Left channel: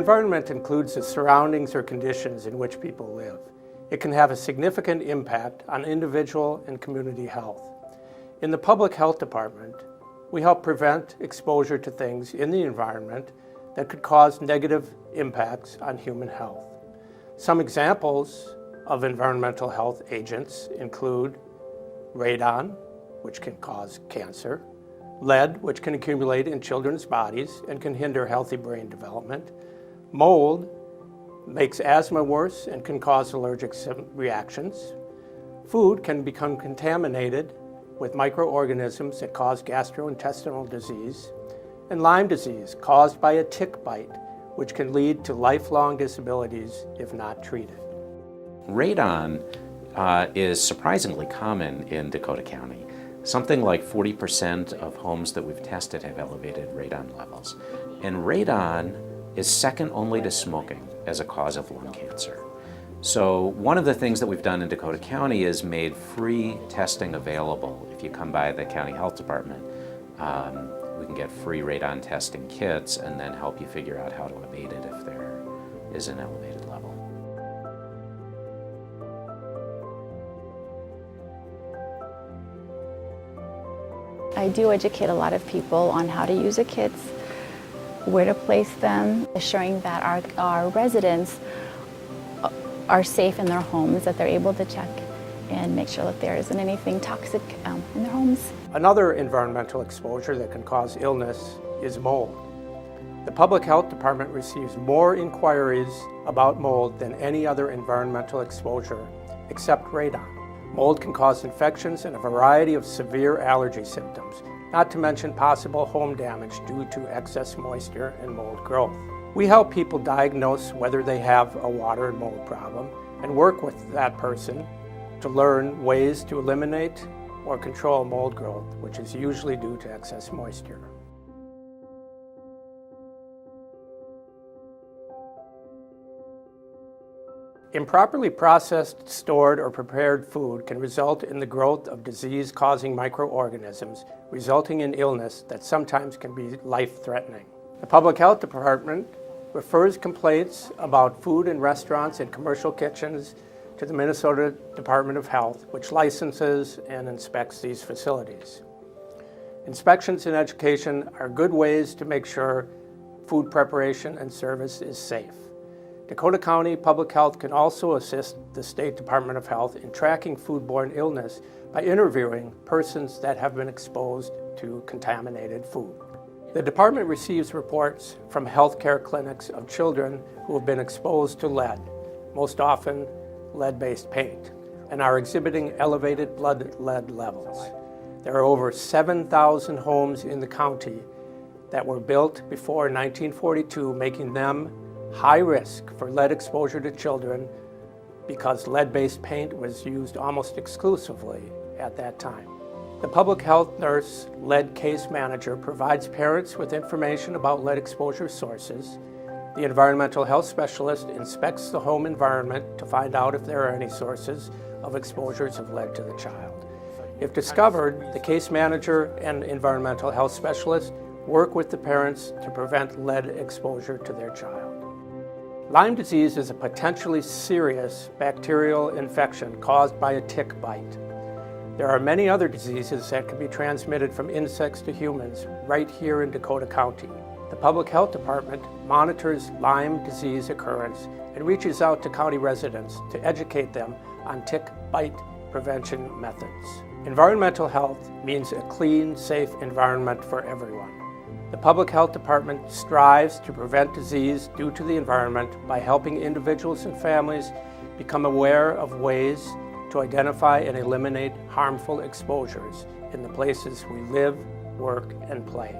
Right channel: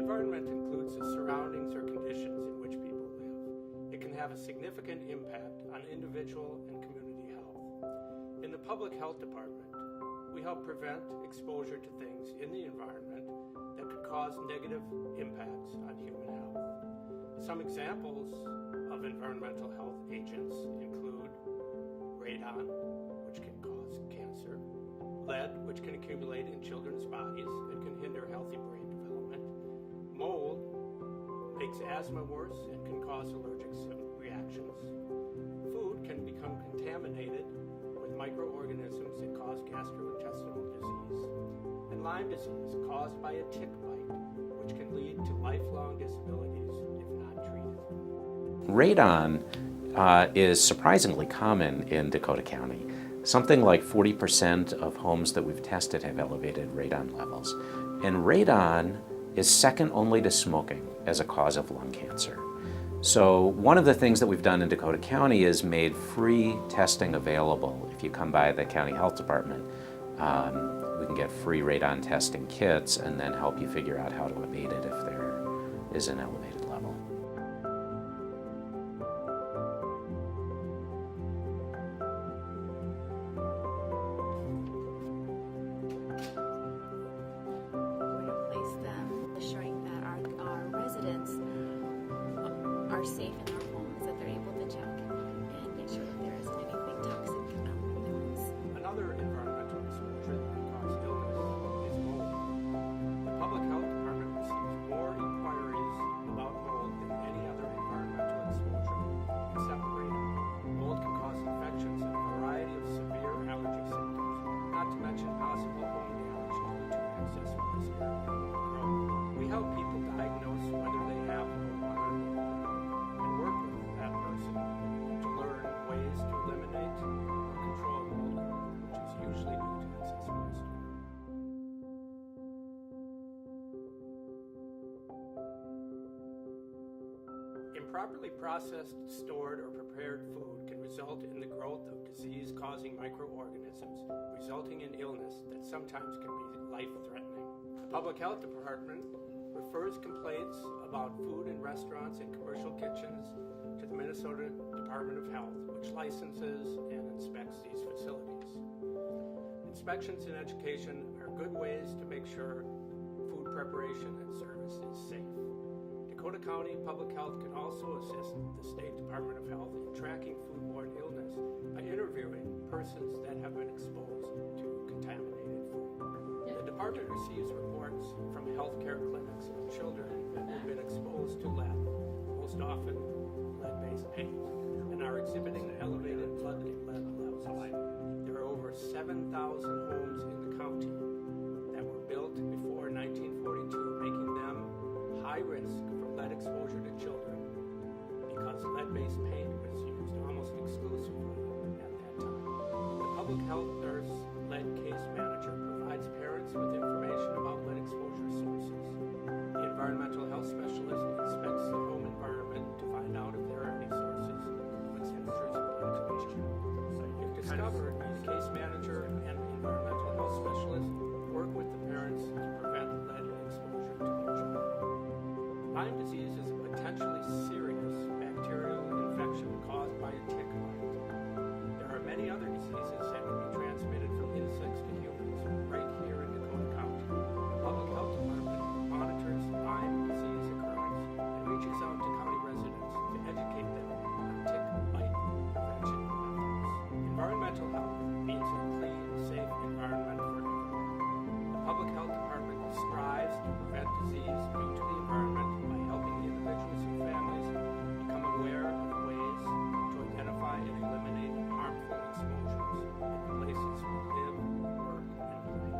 environment includes the surroundings or conditions in which people live. It can have a significant impact on individual and community health. In the Public Health Department, we help prevent exposure to things in the environment that could cause negative impacts on human health. Some examples of environmental health agents include radon, which can cause cancer, lead, which can accumulate in children's bodies and can hinder healthy brain development, mold makes asthma worse and can cause allergic reactions, food can become contaminated with microorganisms that cause gastrointestinal disease, and Lyme disease caused by a tick bite, which can lead to lifelong disabilities if not treated. Radon is surprisingly common in Dakota County. Something like 40% of homes that we've tested have elevated radon levels. And radon is second only to smoking as a cause of lung cancer. So one of the things that we've done in Dakota County is made free testing available. If you come by the county health department, we can get free radon testing kits and then help you figure out how to abate it if there is an elevated level. I do educate a lot of people on how to use the kits, where to place them, assuring that our residents are safe in their homes, that they're able to check and make sure that there isn't anything toxic in their homes. Another environmental exposure that can cause illness is mold. The Public Health Department receives more inquiries about mold than any other environmental exposure except radon. Mold can cause infections and a variety of severe allergy symptoms, not to mention possible home damage due to excess moisture and mold growth. We help people diagnose whether they have a water and mold problem and work with that person to learn ways to eliminate or control mold growth, which is usually due to excess moisture. Improperly processed, stored, or prepared food can result in the growth of disease-causing microorganisms, resulting in illness that sometimes can be life-threatening. The Public Health Department refers complaints about food in restaurants and commercial kitchens to the Minnesota Department of Health, which licenses and inspects these facilities. Inspections and education are good ways to make sure food preparation and service is safe. Dakota County Public Health can also assist the State Department of Health in tracking foodborne illness by interviewing persons that have been exposed to contaminated food. The department receives reports from healthcare clinics of children who have been exposed to lead, most often lead-based paint, and are exhibiting elevated blood lead levels. There are over 7,000 homes in the county that were built before 1942, making them high risk for lead exposure to children because lead-based paint was used almost exclusively at that time. The public health nurse lead case manager provides parents with information about lead exposure sources. The environmental health specialist inspects the home environment to find out if there are any sources of exposures of lead to the child. If discovered, the case manager and environmental health specialist work with the parents to prevent lead exposure to their child. Lyme disease is a potentially serious bacterial infection caused by a tick bite. There are many other diseases that can be transmitted from insects to humans right here in Dakota County. The Public Health Department monitors Lyme disease occurrence and reaches out to county residents to educate them on tick bite prevention methods. Environmental health means a clean, safe environment for everyone. The Public Health Department strives to prevent disease due to the environment by helping individuals and families become aware of ways to identify and eliminate harmful exposures in the places we live, work, and play.